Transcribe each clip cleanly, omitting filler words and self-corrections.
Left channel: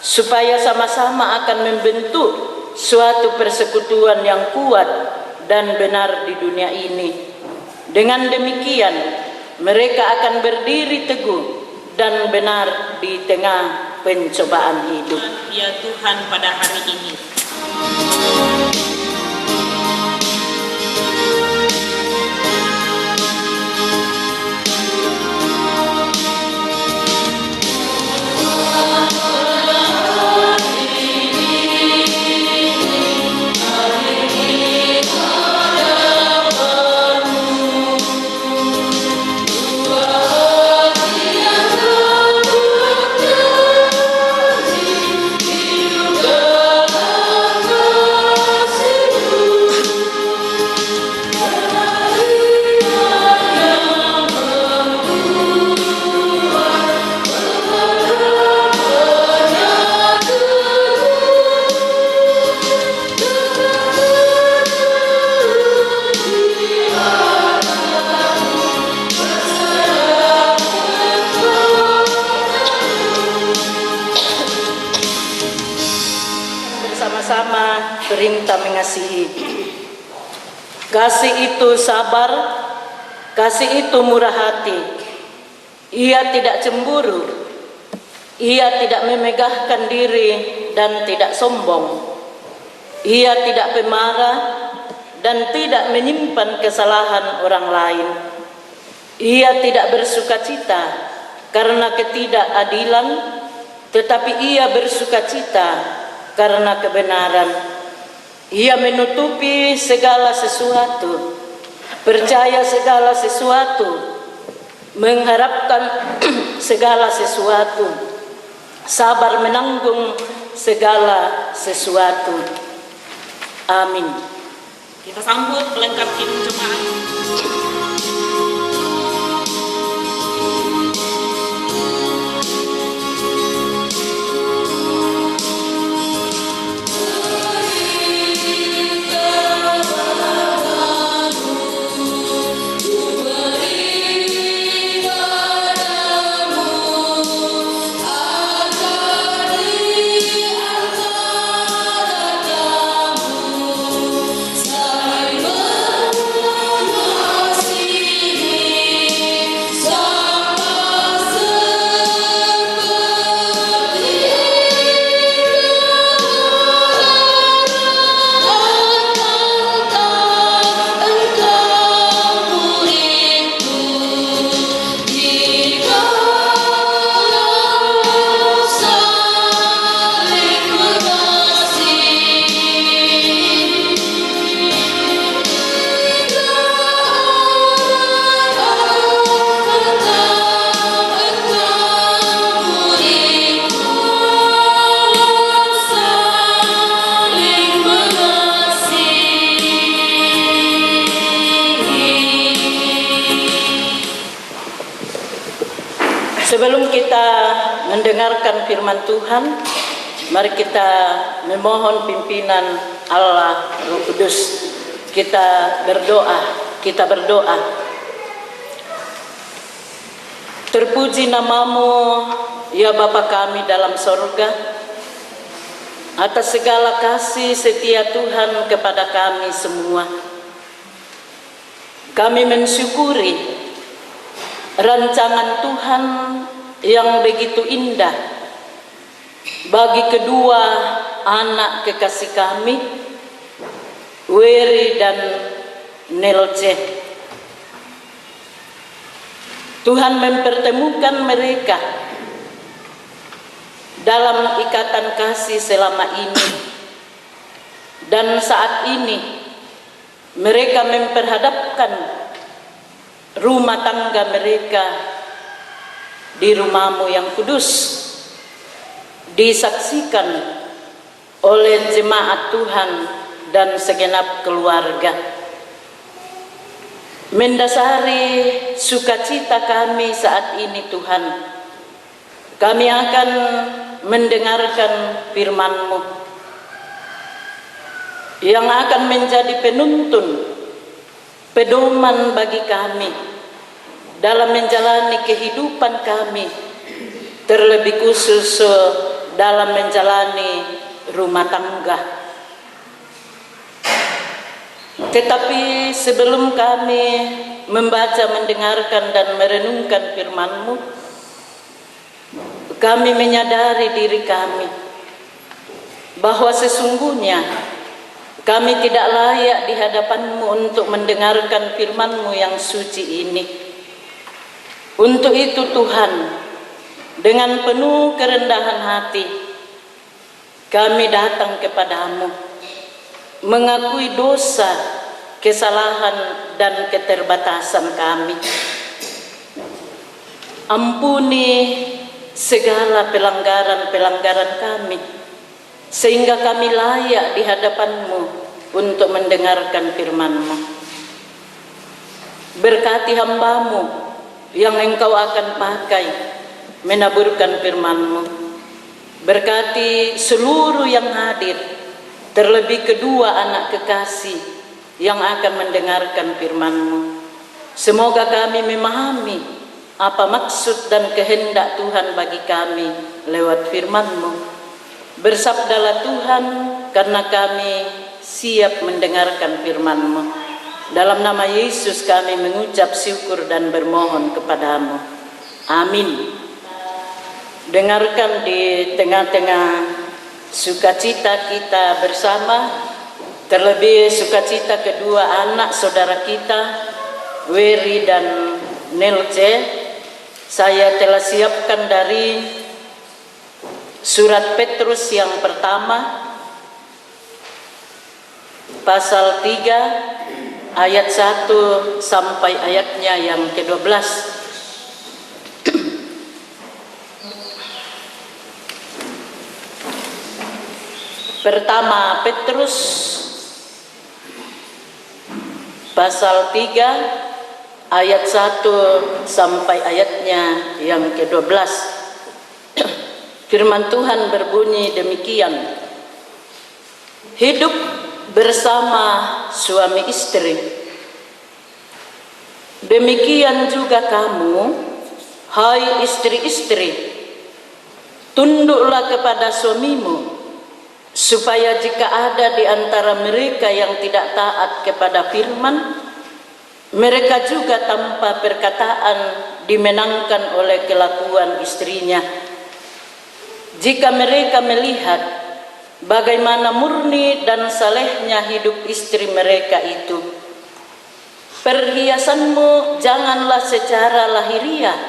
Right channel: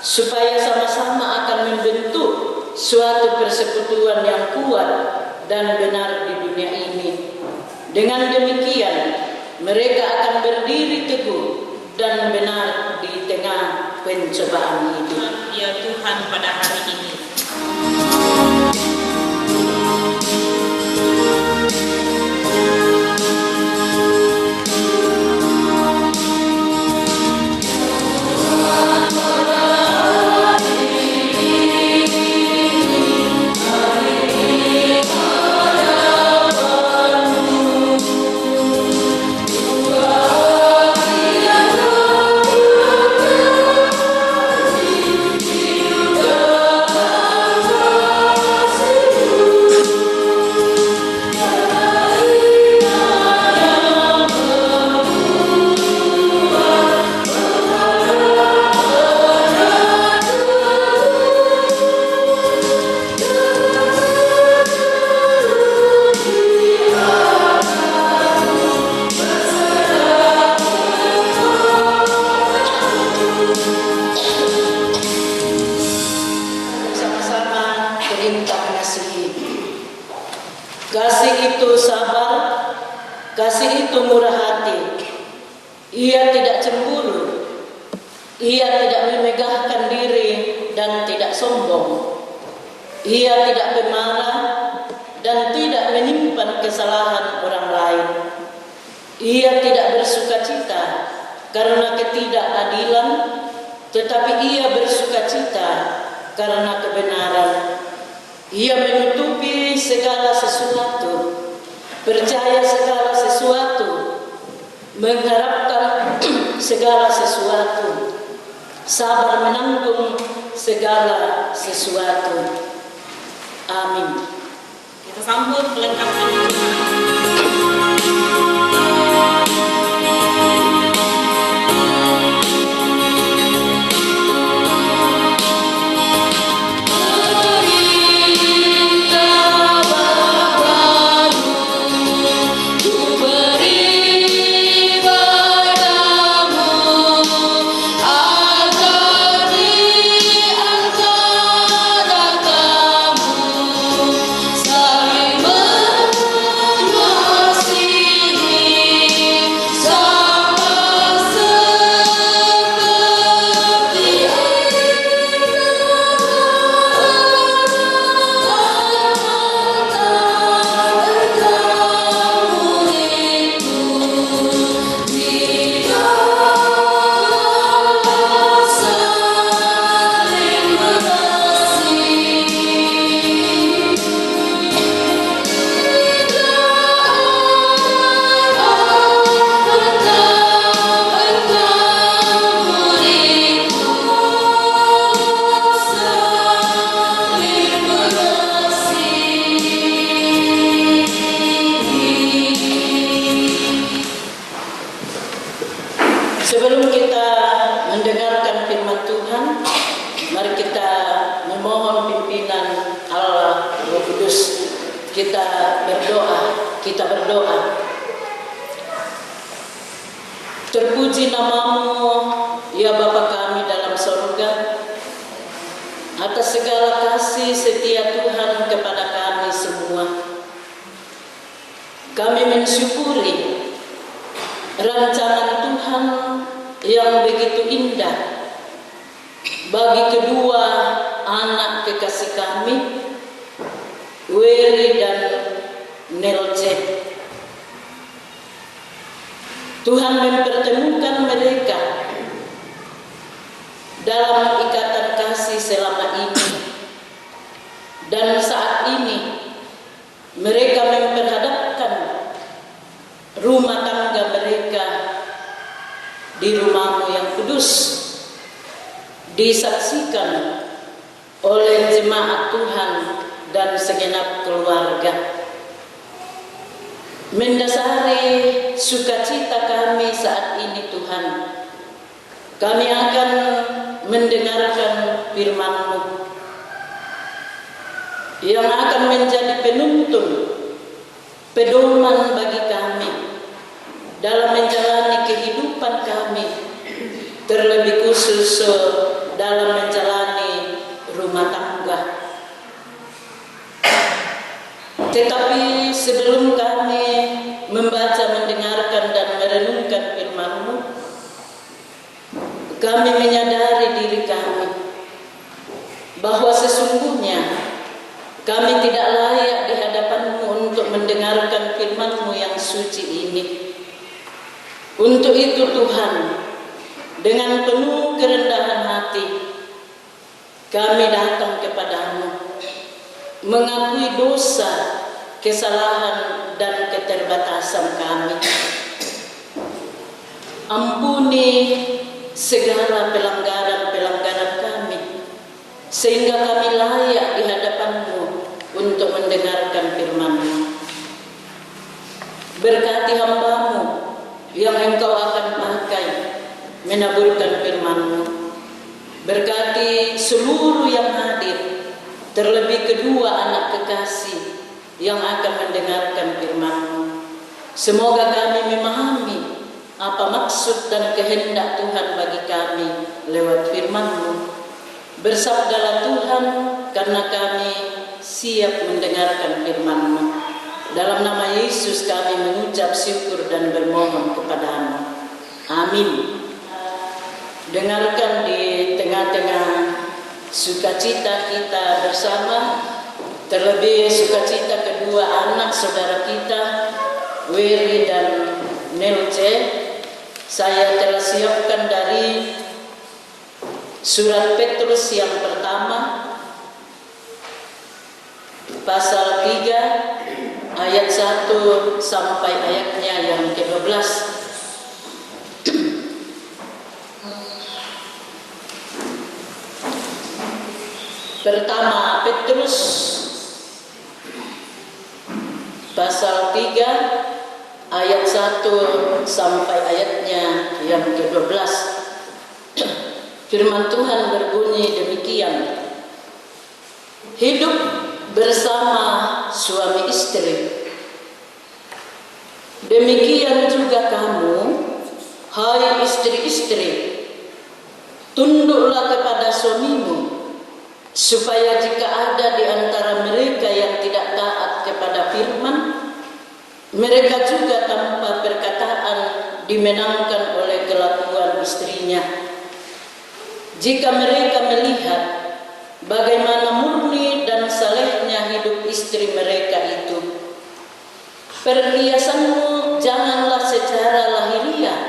supaya sama-sama akan membentuk suatu persekutuan yang kuat dan benar di dunia ini. Dengan demikian, mereka akan berdiri teguh dan benar di tengah pencobaan hidup. Ya Tuhan, pada hari ini perintah mengasihi. Kasih itu sabar, kasih itu murah hati. Ia tidak cemburu, ia tidak memegahkan diri dan tidak sombong. Ia tidak pemarah dan tidak menyimpan kesalahan orang lain. Ia tidak bersukacita karena ketidakadilan, tetapi ia bersukacita karena kebenaran. Ia menutupi segala sesuatu, percaya segala sesuatu, mengharapkan segala sesuatu, sabar menanggung segala sesuatu. Amin. kita sambut pelengkap Tuhan. Sebelum kita mendengarkan firman Tuhan, mari kita memohon pimpinan Allah Roh Kudus. Kita berdoa. Terpuji namamu, ya Bapa kami dalam sorga, atas segala kasih setia Tuhan kepada kami semua. Kami mensyukuri rancangan Tuhan yang begitu indah bagi kedua anak kekasih kami, Wery dan Nelce. Tuhan mempertemukan mereka dalam ikatan kasih selama ini, dan saat ini mereka memperhadapkan rumah tangga mereka di rumah-Mu yang kudus, disaksikan oleh jemaat Tuhan dan segenap keluarga. Mendasari sukacita kami saat ini Tuhan, kami akan mendengarkan firman-Mu yang akan menjadi penuntun, pedoman bagi kami dalam menjalani kehidupan kami, terlebih khusus dalam menjalani rumah tangga. Tetapi sebelum kami membaca, mendengarkan, dan merenungkan firman-Mu, kami menyadari diri kami bahwa sesungguhnya kami tidak layak di hadapan-Mu untuk mendengarkan firman-Mu yang suci ini. Untuk itu Tuhan, dengan penuh kerendahan hati, kami datang kepadamu, mengakui dosa, kesalahan, dan keterbatasan kami. Ampuni segala pelanggaran-pelanggaran kami, sehingga kami layak di hadapan-Mu untuk mendengarkan firman-Mu. Berkati hamba-Mu yang Engkau akan pakai menaburkan firman-Mu. Berkati seluruh yang hadir, terlebih kedua anak kekasih yang akan mendengarkan firman-Mu. Semoga kami memahami apa maksud dan kehendak Tuhan bagi kami lewat firman-Mu. Bersabdalah Tuhan, karena kami siap mendengarkan firman-Mu. Dalam nama Yesus kami mengucap syukur dan bermohon kepadamu. Amin. Dengarkan di tengah-tengah sukacita kita bersama, terlebih sukacita kedua anak saudara kita, Wery dan Nelce, saya telah siapkan dari surat Petrus yang pertama, pasal 3, ayat 1 sampai ayatnya yang ke-12. Pertama Petrus pasal 3 ayat 1 sampai ayatnya yang ke-12. Firman Tuhan berbunyi demikian. Hidup bersama suami istri. Demikian juga kamu, hai istri-istri, tunduklah kepada suamimu, supaya jika ada di antara mereka yang tidak taat kepada firman, mereka juga tanpa perkataan dimenangkan oleh kelakuan istrinya. Jika mereka melihat bagaimana murni dan salehnya hidup istri mereka itu, perhiasanmu janganlah secara lahiriah,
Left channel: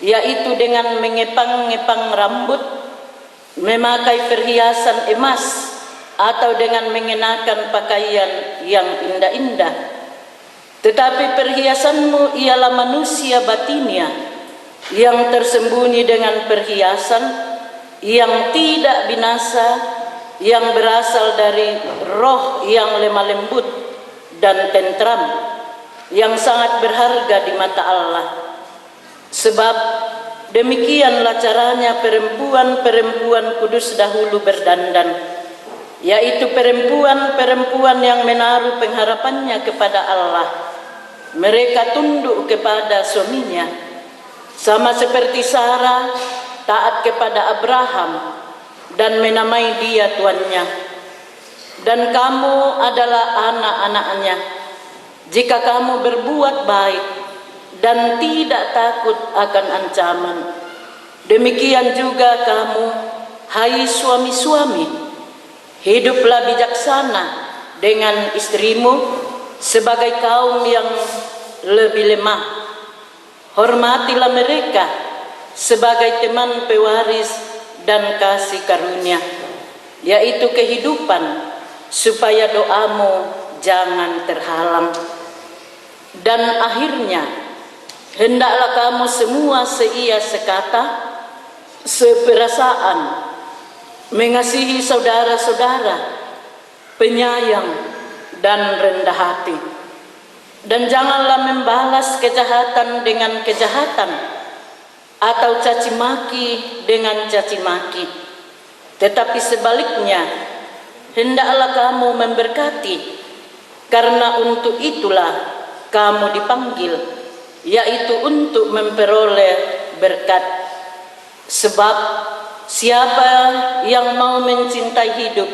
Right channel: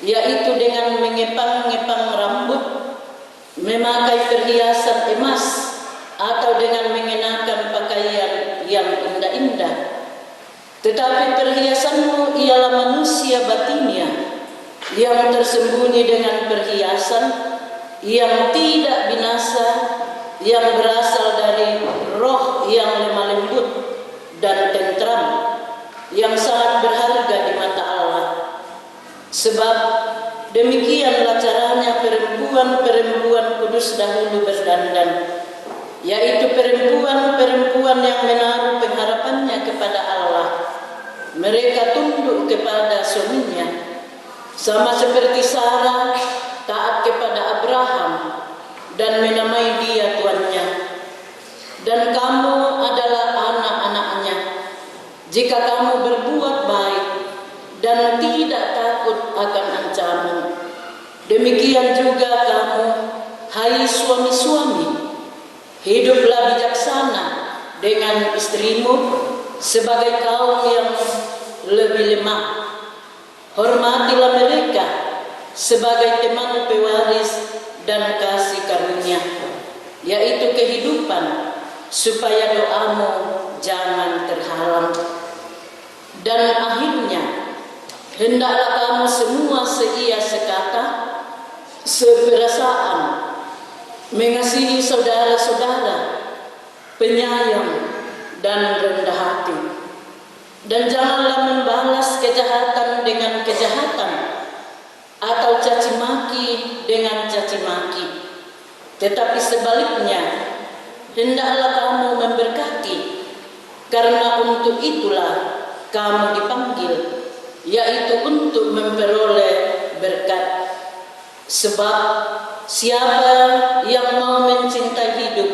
yaitu dengan mengepang-ngepang rambut, memakai perhiasan emas, atau dengan mengenakan pakaian yang indah-indah. Tetapi perhiasanmu ialah manusia batinnya, yang tersembunyi dengan perhiasan yang tidak binasa, yang berasal dari roh yang lemah lembut dan tentram, yang sangat berharga di mata Allah. Sebab demikianlah caranya perempuan-perempuan kudus dahulu berdandan, yaitu perempuan-perempuan yang menaruh pengharapannya kepada Allah. Mereka tunduk kepada suaminya, sama seperti Sarah taat kepada Abraham dan menamai dia tuannya. Dan kamu adalah anak-anaknya, jika kamu berbuat baik dan tidak takut akan ancaman. Demikian juga kamu, hai suami-suami, hiduplah bijaksana dengan istrimu sebagai kaum yang lebih lemah. Hormatilah mereka sebagai teman pewaris dan kasih karunia, yaitu kehidupan, supaya doamu jangan terhalang. Dan akhirnya, hendaklah kamu semua seia sekata, seperasaan, mengasihi saudara-saudara, penyayang dan rendah hati. Dan janganlah membalas kejahatan dengan kejahatan, atau caci maki dengan caci maki. Tetapi sebaliknya, hendaklah kamu memberkati, karena untuk itulah kamu dipanggil, yaitu untuk memperoleh berkat. Sebab siapa yang mau mencintai hidup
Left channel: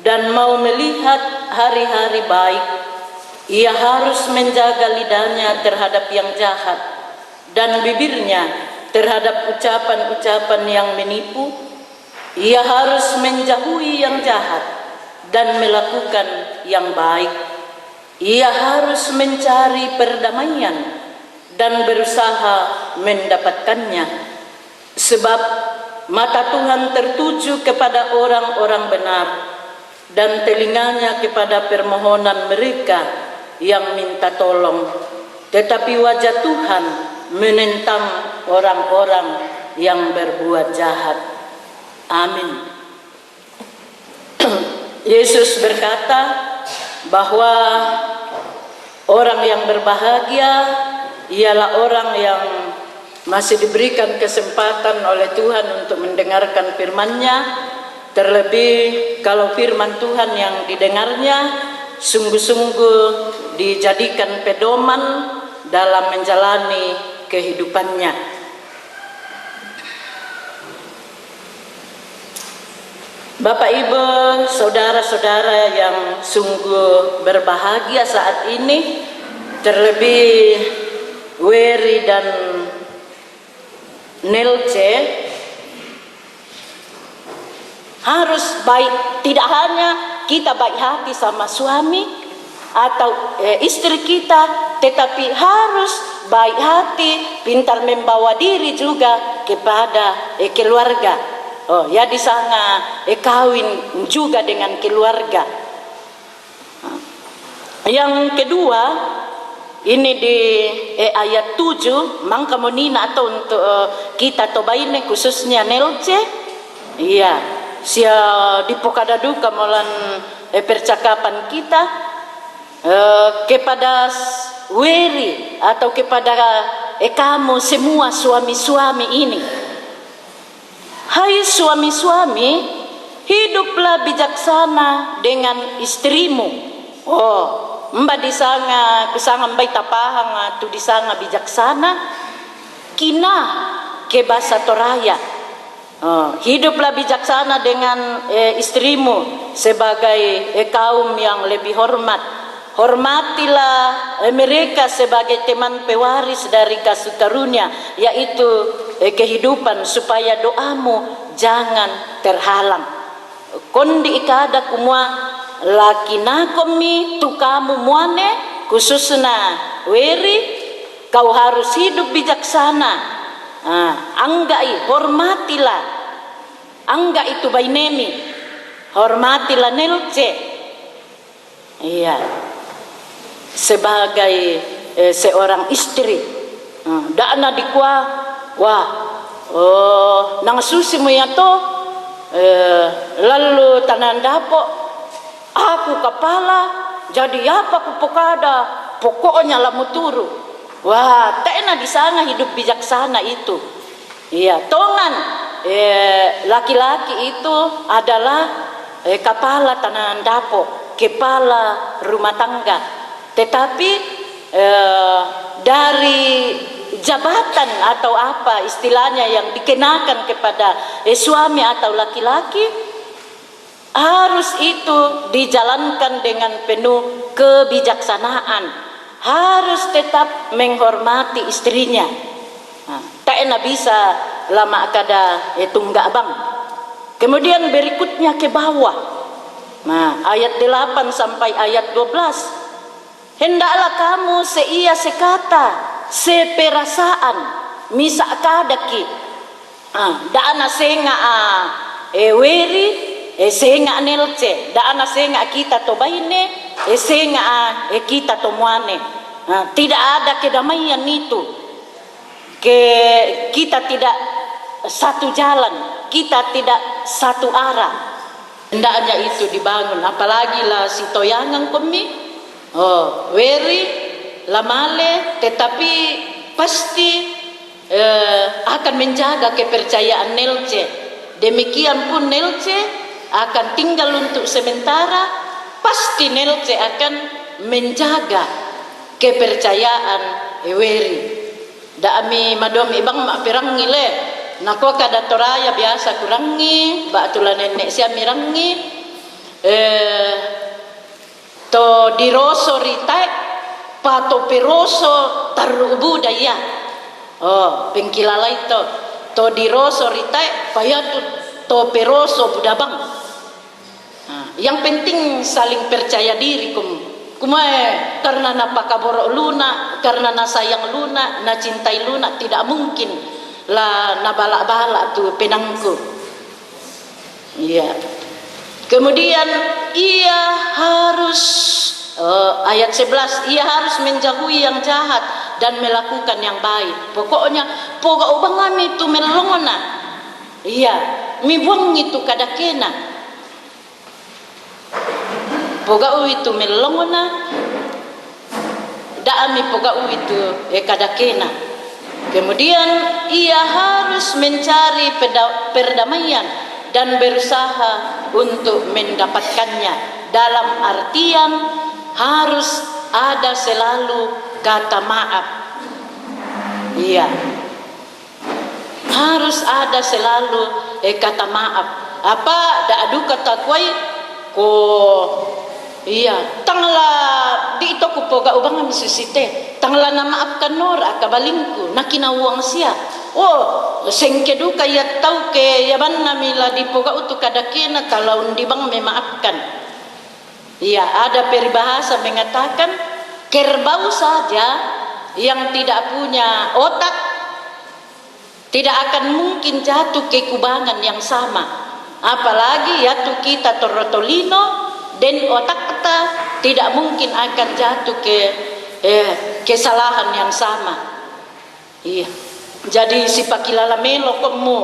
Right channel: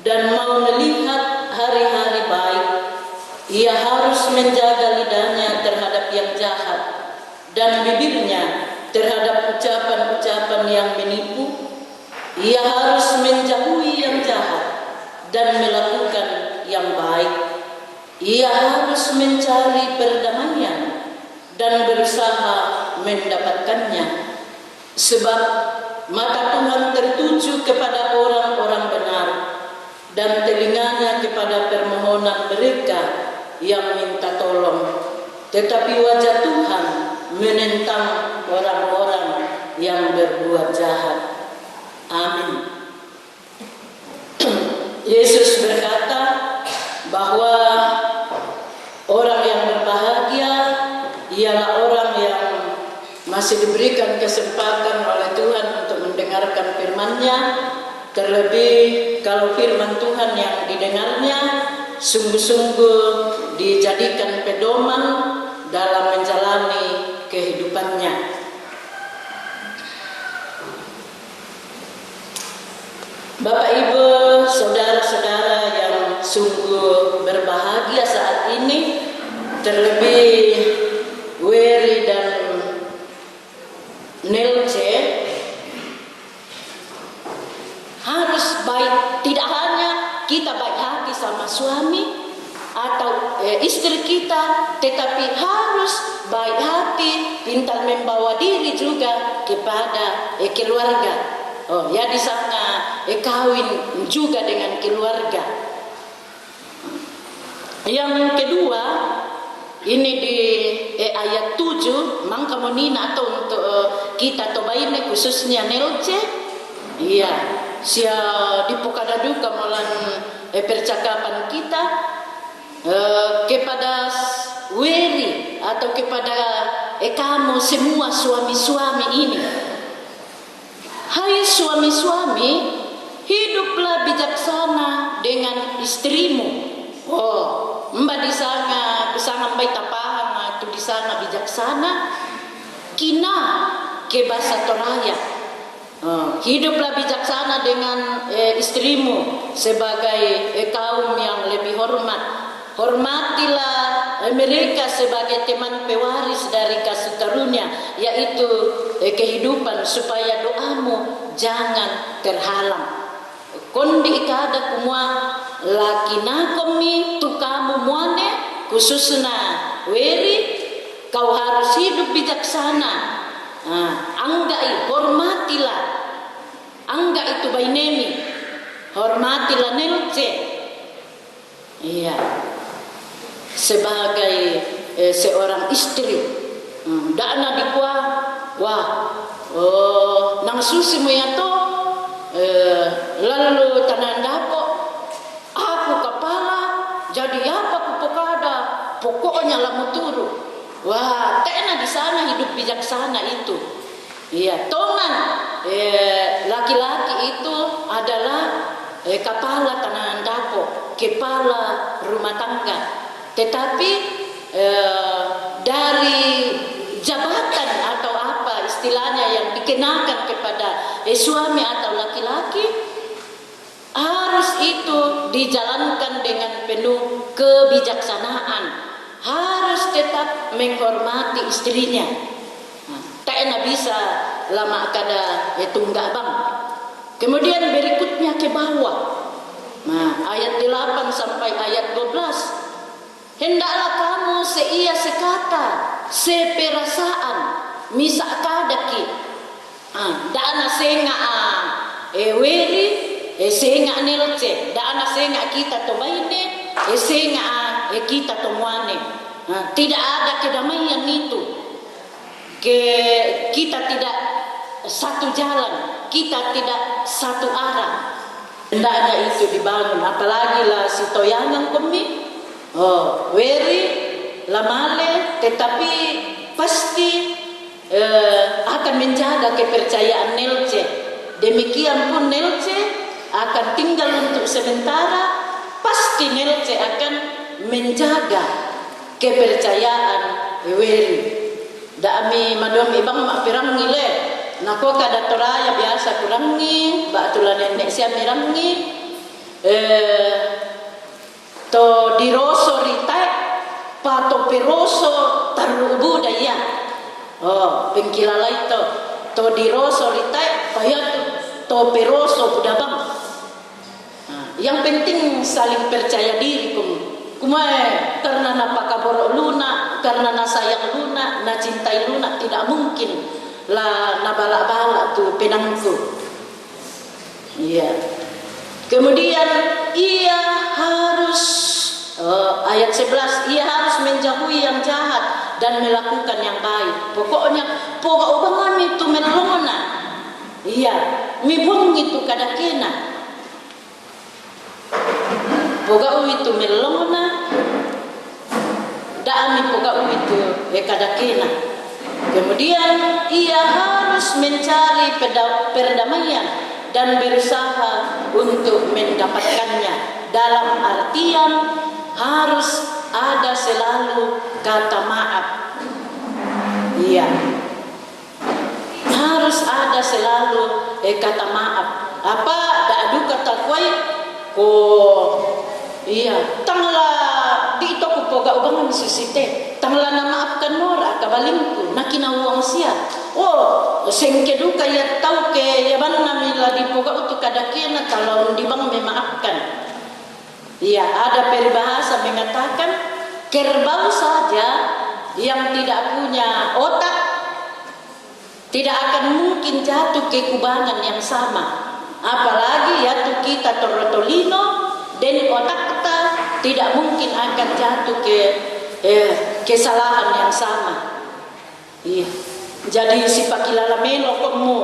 dan mau melihat hari-hari baik, ia harus menjaga lidahnya terhadap yang jahat dan bibirnya terhadap ucapan-ucapan yang menipu. Ia harus menjauhi yang jahat dan melakukan yang baik. Ia harus mencari perdamaian dan berusaha mendapatkannya. Sebab mata Tuhan tertuju kepada orang-orang benar dan telinganya kepada permohonan mereka yang minta tolong. Tetapi wajah Tuhan menentang orang-orang yang berbuat jahat. Amin. Yesus berkata bahwa orang yang berbahagia ialah orang yang masih diberikan kesempatan oleh Tuhan untuk mendengarkan firman-Nya. Terlebih kalau firman Tuhan yang didengarnya sungguh-sungguh dijadikan pedoman dalam menjalani kehidupannya. Bapak, Ibu, saudara-saudara yang sungguh berbahagia saat ini, terlebih Wery dan Nelce, harus baik. Tidak hanya kita baik hati sama suami atau istri kita, tetapi harus baik hati, pintar membawa diri juga kepada keluarga. Oh ya, di sana kawin juga dengan keluarga. Yang kedua, ini di ayat 7, mangka monina atau untuk kita tobaine khususnya Nelce. Iya, sia dipokada duka molan percakapan kita kepada Wery atau kepada kamu semua suami-suami ini. Hai suami-suami, hiduplah bijaksana dengan istrimu. Oh, mbak disanga kusanga mbak tapahang atau disanga bijaksana kina ke bahasa Toraya. Hiduplah bijaksana dengan istrimu sebagai kaum yang lebih hormat. Hormatilah mereka sebagai teman pewaris dari kasih karunia, yaitu kehidupan, supaya doamu jangan terhalang. Kondi ikada kumua laki nakomi tukamu muane khususna Wery, kau harus hidup bijaksana. Anggai hormatilah, angga itu bainemi, hormatilah Nelce. Iya, sebagai seorang istri. Dana dikwa, wah, nang susi mo yato, lalu tanandapo, aku kepala, jadi apa kupokada, pokoknya lamu turu. Wah, tena di sana hidup bijaksana itu. Iya, tongan laki-laki itu adalah kepala tanandapo, kepala rumah tangga. Tetapi dari jabatan atau apa istilahnya yang dikenakan kepada suami atau laki-laki, harus itu dijalankan dengan penuh kebijaksanaan, harus tetap menghormati istrinya. Tak enak bisa lama kada tunggak bang. Kemudian berikutnya ke bawah, ayat 8 sampai ayat 12. Hendaklah kamu seia sekata, seperasaan, misa kadaki. Dana senga Wery, senga Nelce, dana senga kita tobaine, senga kita tomuane. Tidak ada kedamaian itu. Kita tidak satu jalan, kita tidak satu arah. Hendaknya itu dibangun, apalagi lah si toyangan kami. Wery lamale, tetapi pasti akan menjaga kepercayaan Nelce. Demikian pun Nelce akan tinggal untuk sementara, pasti Nelce akan menjaga kepercayaan Wery. Dami madom ibang mak pirang ngile, nako kada toraya biasa kurangi batulan nenek sia mirangi to diroso ritai pato peroso tarubu daya pengkilala itu to diroso ritai payatu to peroso budabang. Yang penting saling percaya diri kumae karena napakaborok luna, karena na sayang luna, na cintai luna, tidak mungkin lah na balak-balak tuh penangku. Iya. Kemudian ia harus ayat 11, ia harus menjauhi yang jahat dan melakukan yang baik. Pokoknya pokok ubang itu melongona. Iya, mi buang itu kada kena. Pogau itu melongona, daami pogau itu kada kena. Kemudian ia harus mencari perdamaian dan berusaha untuk mendapatkannya. Dalam artian harus ada selalu kata maaf. Iya, harus ada selalu kata maaf. Apa dak kata kuai iya, tangla di itu ku poga ubang misusite. Tangla na maafkan nora kabalingku nakina uang sia. Sengke duka ya tau ke ya banna mila di poga utu kadakena kalau di bang memaafkan. Iya, ada peribahasa mengatakan kerbau saja yang tidak punya otak tidak akan mungkin jatuh ke kubangan yang sama. Apalagi ya tu kita torotolino dan otak kita tidak mungkin akan jatuh ke kesalahan yang sama. Iya. Jadi si pakilala melo kamu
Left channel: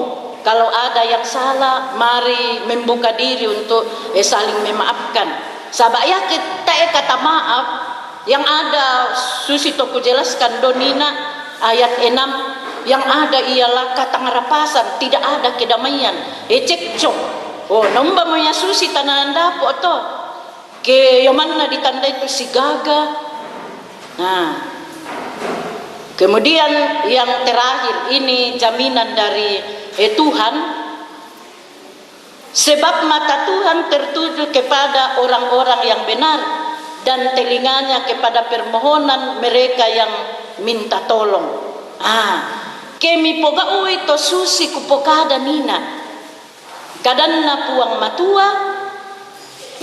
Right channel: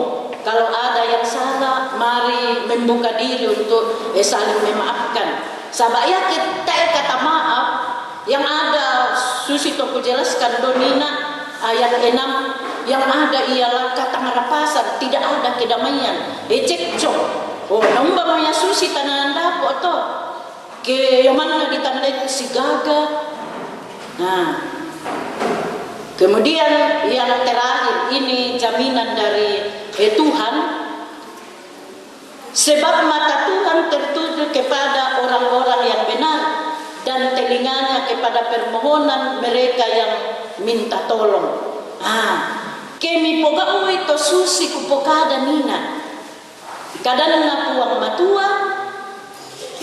kalau ada yang salah mari membuka diri untuk saling memaafkan. Sabak ya kita kata maaf yang ada susi toku jelaskan donina ayat 6 yang ada ialah kata ngarapasan, tidak ada kedamaian. Cekcok. Nombah moya susi tanan dapo to. Ke mana ditandai itu si gaga. Nah, kemudian yang terakhir ini jaminan dari Tuhan. Sebab mata Tuhan tertuju kepada orang-orang yang benar dan telinganya kepada permohonan mereka yang minta tolong. Kemi poga ui to susi kupokada nina. Kadanna puang matua,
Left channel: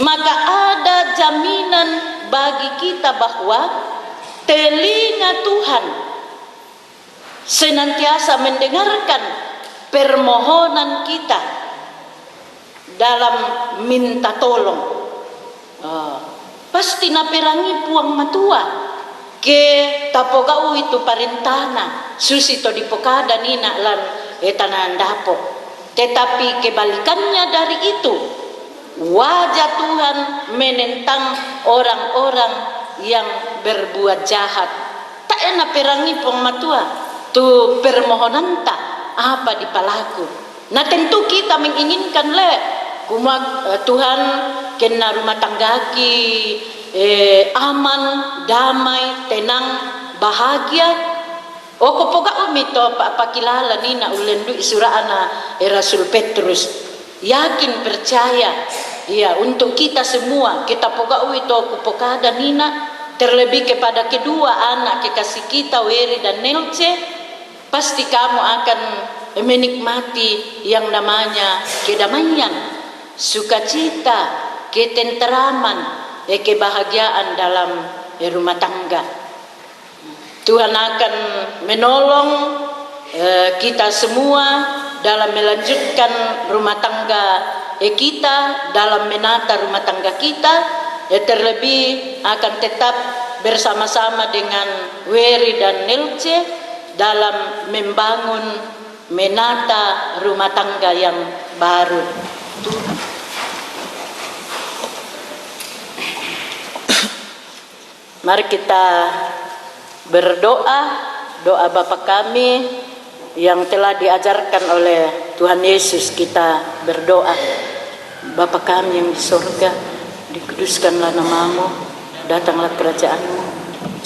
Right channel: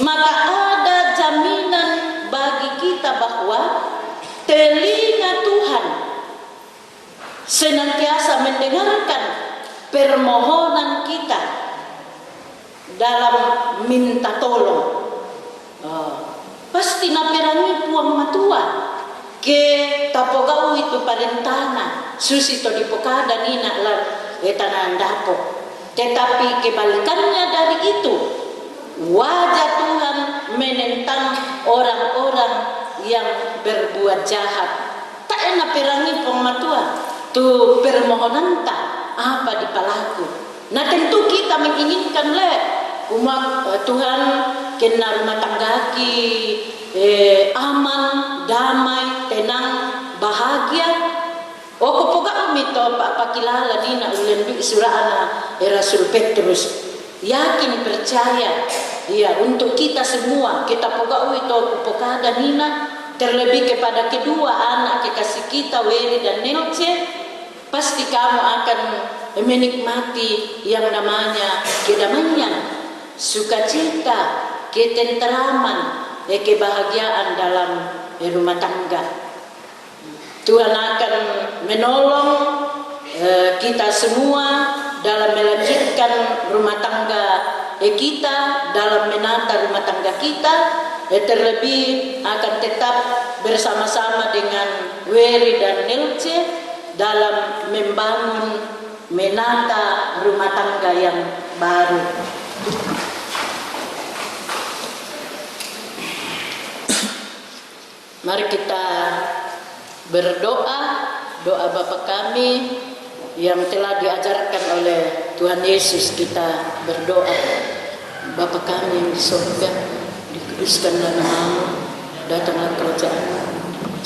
maka ada jaminan bagi kita bahwa telinga Tuhan senantiasa mendengarkan permohonan kita dalam minta tolong. Pasti naperangi puang matua ke tapogau itu parentana susi to dipokada nina lan etanan dapo. Tetapi kebalikannya dari itu, wajah Tuhan menentang orang-orang yang berbuat jahat. Tak enak perangi pematua tu permohonan tak apa dipalaku. Nah tentu kita menginginkan Tuhan kena rumah tanggaki aman, damai, tenang, bahagia. Kupoga umito pakilala nina ulendu surana Rasul Petrus. Yakin percaya ya untuk kita semua kita poga itu kupokada nina terlebih kepada kedua anak kekasih kita Weri dan Nelce, pasti kamu akan menikmati yang namanya kedamaian, sukacita, ketenteraman, kebahagiaan dalam rumah tangga. Tuhan akan menolong kita semua dalam melanjutkan rumah tangga kita, dalam menata rumah tangga kita, terlebih akan tetap bersama-sama dengan Weri dan Nelce dalam membangun, menata rumah tangga yang baru. Mari kita berdoa, doa Bapa kami yang telah diajarkan oleh Tuhan Yesus. Kita berdoa, Bapa kami yang di surga, dikuduskanlah namamu, datanglah kerajaanmu,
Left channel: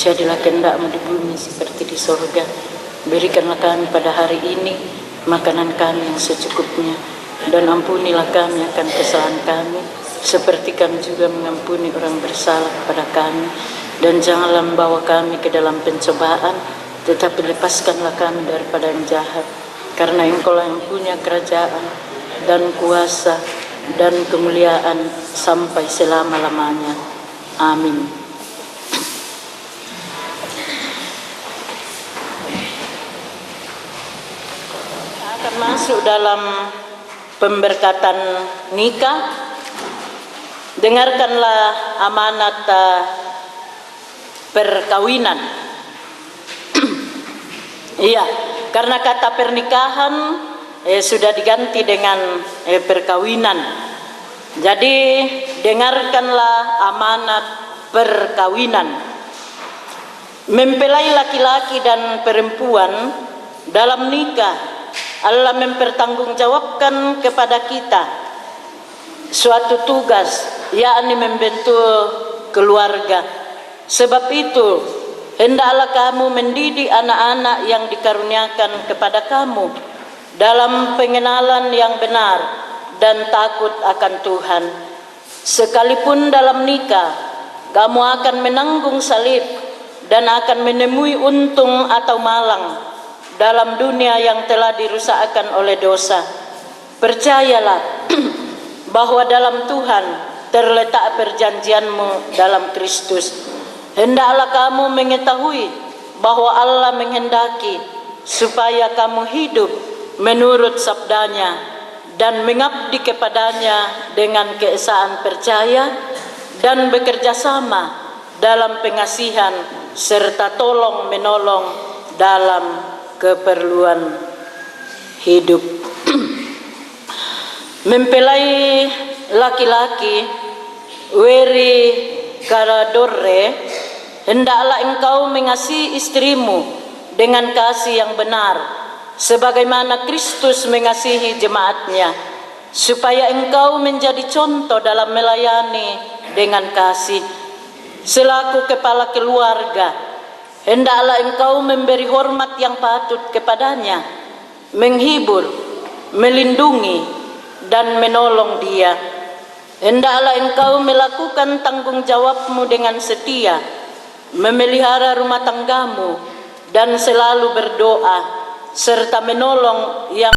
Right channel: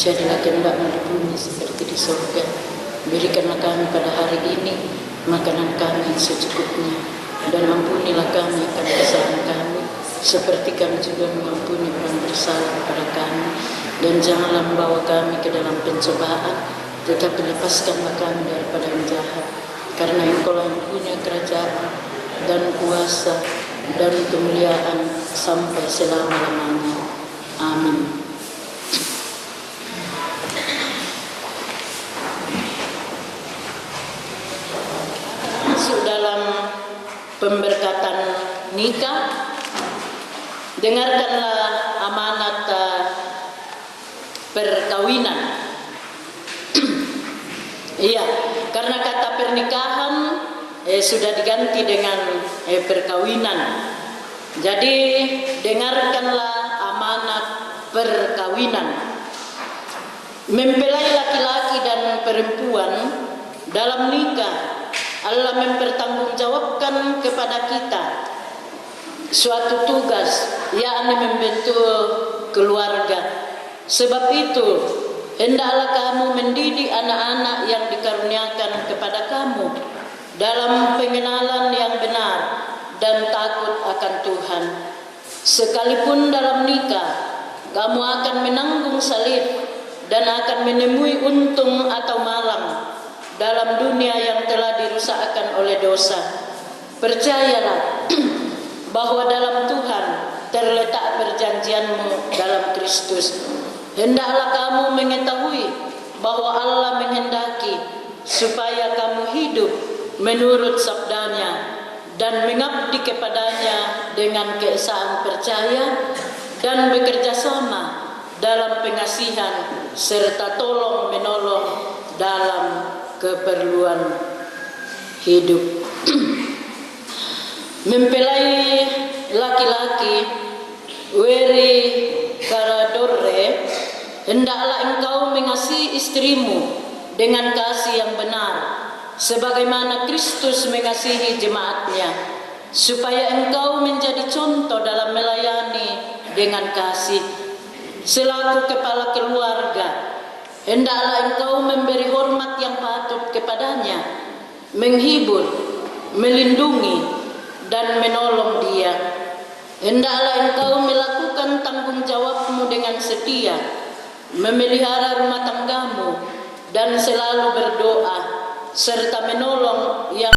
jadilah kehendak-Mu di bumi seperti di surga. Berikanlah kami pada hari ini makanan kami yang secukupnya, dan ampunilah kami akan kesalahan kami, seperti kami juga mengampuni orang bersalah kepada kami. Dan janganlah membawa kami ke dalam pencobaan, tetapi lepaskanlah kami daripada yang jahat. Karena Engkau-lah yang punya kerajaan dan kuasa dan kemuliaan sampai selama-lamanya. Amin. Akan masuk dalam pemberkatan nikah. Dengarkanlah amanat perkawinan. Iya, karena kata pernikahan sudah diganti dengan perkawinan. Jadi dengarkanlah amanat perkawinan. Mempelai laki-laki dan perempuan dalam nikah, Allah mempertanggungjawabkan kepada kita suatu tugas, yakni membentuk keluarga. Sebab itu, hendaklah kamu mendidik anak-anak yang dikaruniakan kepada kamu dalam pengenalan yang benar dan takut akan Tuhan. Sekalipun dalam nikah, kamu akan menanggung salib dan akan menemui untung atau malang dalam dunia yang telah dirusakkan oleh dosa. Percayalah bahwa dalam Tuhan terletak perjanjianmu dalam Kristus. Hendaklah kamu mengetahui bahwa Allah menghendaki supaya kamu hidup menurut sabdanya dan mengabdi kepadanya dengan keesaan percaya dan bekerja sama dalam pengasihan serta tolong menolong dalam keperluan hidup. Mempelai laki-laki, weri karadore, hendaklah engkau mengasihi istrimu dengan kasih yang benar, sebagaimana Kristus mengasihi jemaatnya, supaya engkau menjadi contoh dalam melayani dengan kasih. Selaku kepala keluarga, hendaklah engkau memberi hormat yang patut kepadanya, menghibur, melindungi, dan menolong dia. Hendaklah engkau melakukan tanggung jawabmu dengan setia, memelihara rumah tanggamu, dan selalu berdoa, serta menolong yang